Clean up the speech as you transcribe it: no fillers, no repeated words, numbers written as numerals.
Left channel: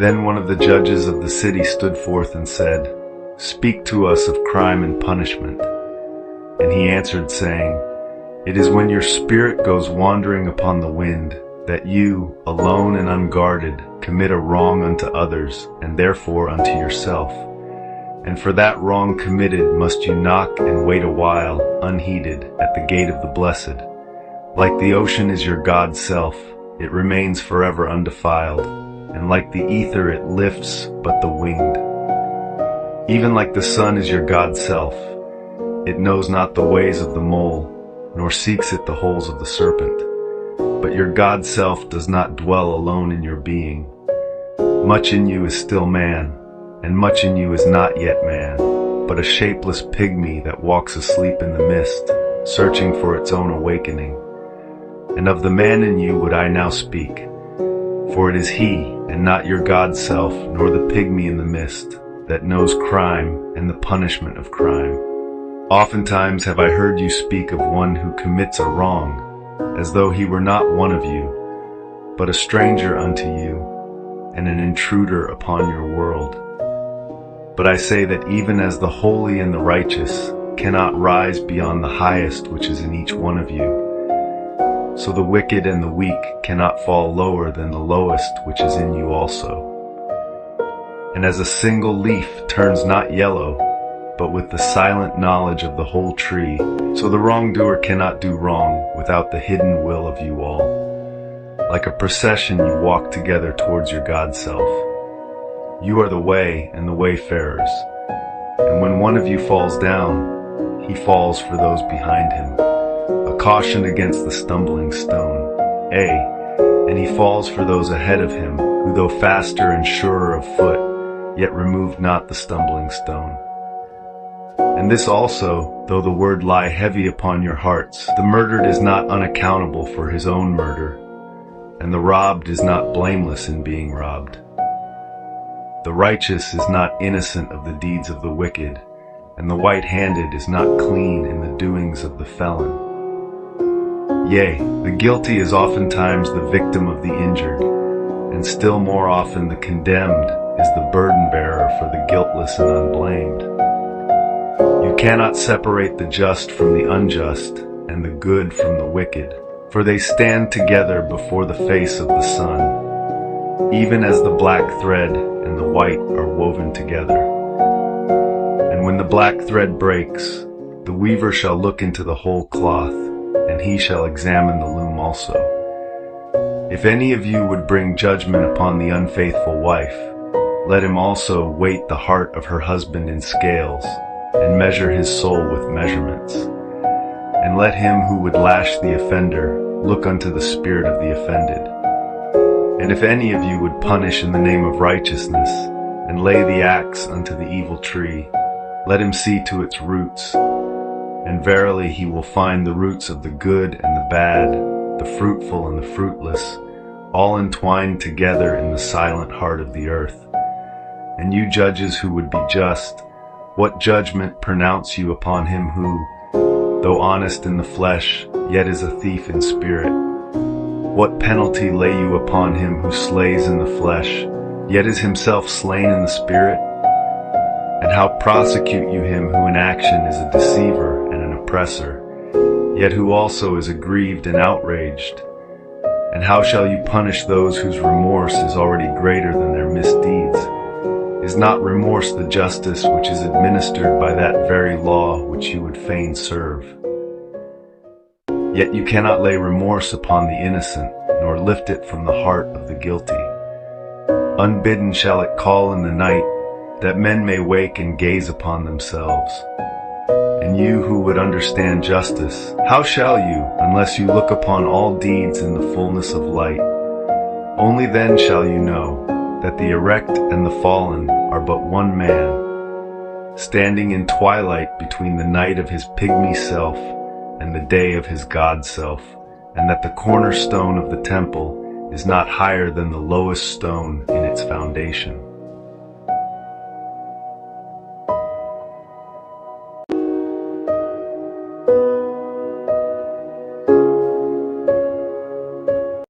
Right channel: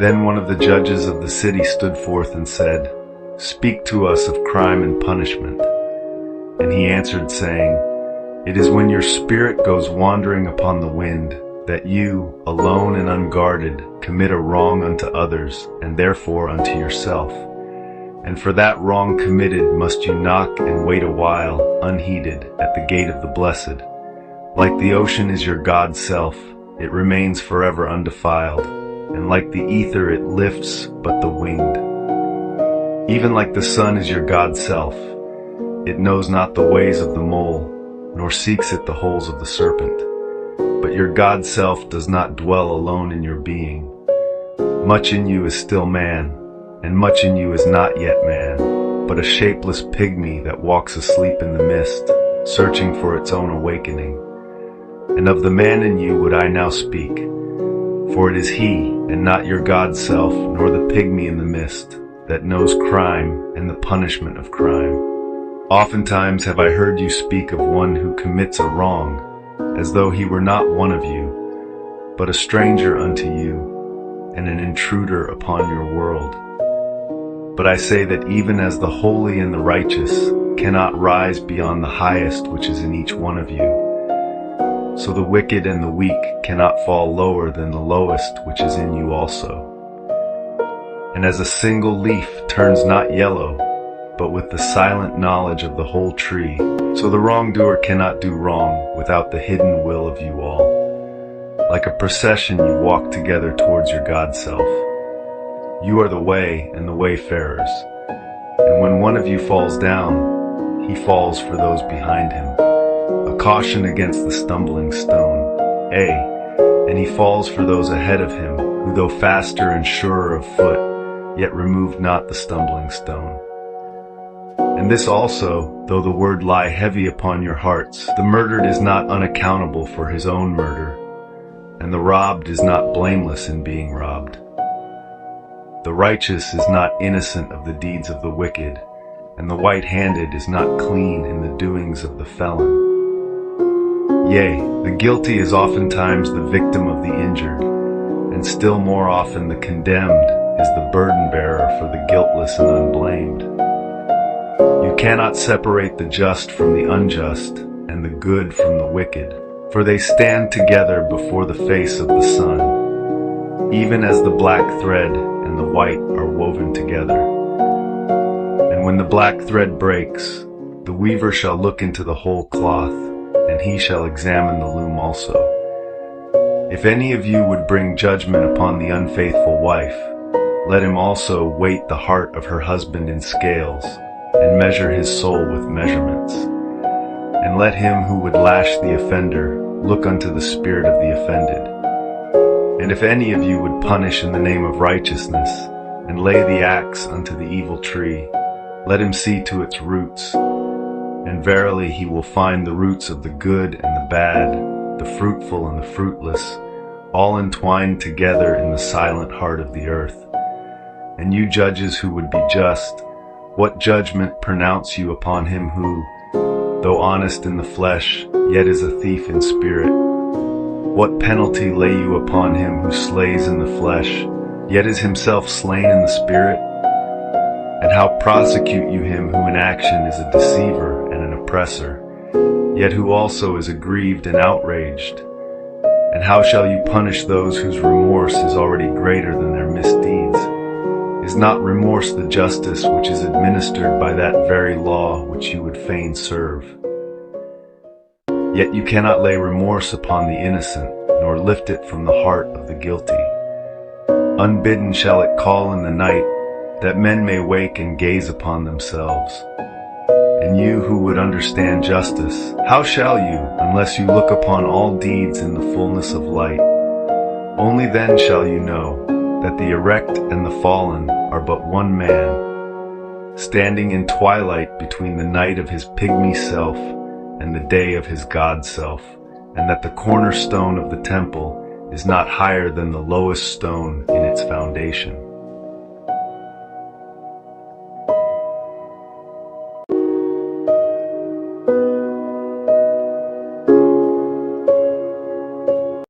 Then one of the judges of the city stood forth and said, "Speak to us of crime and punishment." And he answered, saying, "It is when your spirit goes wandering upon the wind, that you, alone and unguarded, commit a wrong unto others, and therefore unto yourself. And for that wrong committed must you knock and wait a while, unheeded, at the gate of the blessed. Like the ocean is your God self, it remains forever undefiled, and like the ether it lifts but the winged. Even like the sun is your God self, it knows not the ways of the mole, nor seeks it the holes of the serpent. But your God self does not dwell alone in your being. Much in you is still man, and much in you is not yet man, but a shapeless pygmy that walks asleep in the mist, searching for its own awakening. And of the man in you would I now speak, for it is he, and not your God self, nor the pygmy in the mist, that knows crime and the punishment of crime. Oftentimes have I heard you speak of one who commits a wrong, as though he were not one of you, but a stranger unto you, and an intruder upon your world. But I say that even as the holy and the righteous cannot rise beyond the highest which is in each one of you, so the wicked and the weak cannot fall lower than the lowest which is in you also. And as a single leaf turns not yellow, but with the silent knowledge of the whole tree, so the wrongdoer cannot do wrong without the hidden will of you all. Like a procession you walk together towards your God self. You are the way and the wayfarers, and when one of you falls down, he falls for those behind him. A caution against the stumbling stone. And he falls for those ahead of him, who though faster and surer of foot, yet removed not the stumbling stone. And this also, though the word lie heavy upon your hearts, the murdered is not unaccountable for his own murder, and the robbed is not blameless in being robbed. The righteous is not innocent of the deeds of the wicked, and the white-handed is not clean in the doings of the felon. Yea, the guilty is oftentimes the victim of the injured, and still more often the condemned is the burden-bearer for the guiltless and unblamed. You cannot separate the just from the unjust, and the good from the wicked, for they stand together before the face of the sun, even as the black thread and the white are woven together. And when the black thread breaks, the weaver shall look into the whole cloth, and he shall examine the loom also. If any of you would bring judgment upon the unfaithful wife, let him also weight the heart of her husband in scales, and measure his soul with measurements. And let him who would lash the offender look unto the spirit of the offended. And if any of you would punish in the name of righteousness, and lay the axe unto the evil tree, let him see to its roots. And verily he will find the roots of the good and the bad, the fruitful and the fruitless, all entwined together in the silent heart of the earth. And you judges who would be just, what judgment pronounce you upon him who, though honest in the flesh, yet is a thief in spirit? What penalty lay you upon him who slays in the flesh, yet is himself slain in the spirit? And how prosecute you him who in action is a deceiver and an oppressor, yet who also is aggrieved and outraged? And how shall you punish those whose remorse is already greater than their misdeeds? Is not remorse the justice which is administered by that very law which you would fain serve? Yet you cannot lay remorse upon the innocent, nor lift it from the heart of the guilty. Unbidden shall it call in the night, that men may wake and gaze upon themselves. And you who would understand justice, how shall you, unless you look upon all deeds in the fullness of light? Only then shall you know that the erect and the fallen are but one man, standing in twilight between the night of his pygmy self and the day of his God self, and that the cornerstone of the temple is not higher than the lowest stone in its foundation.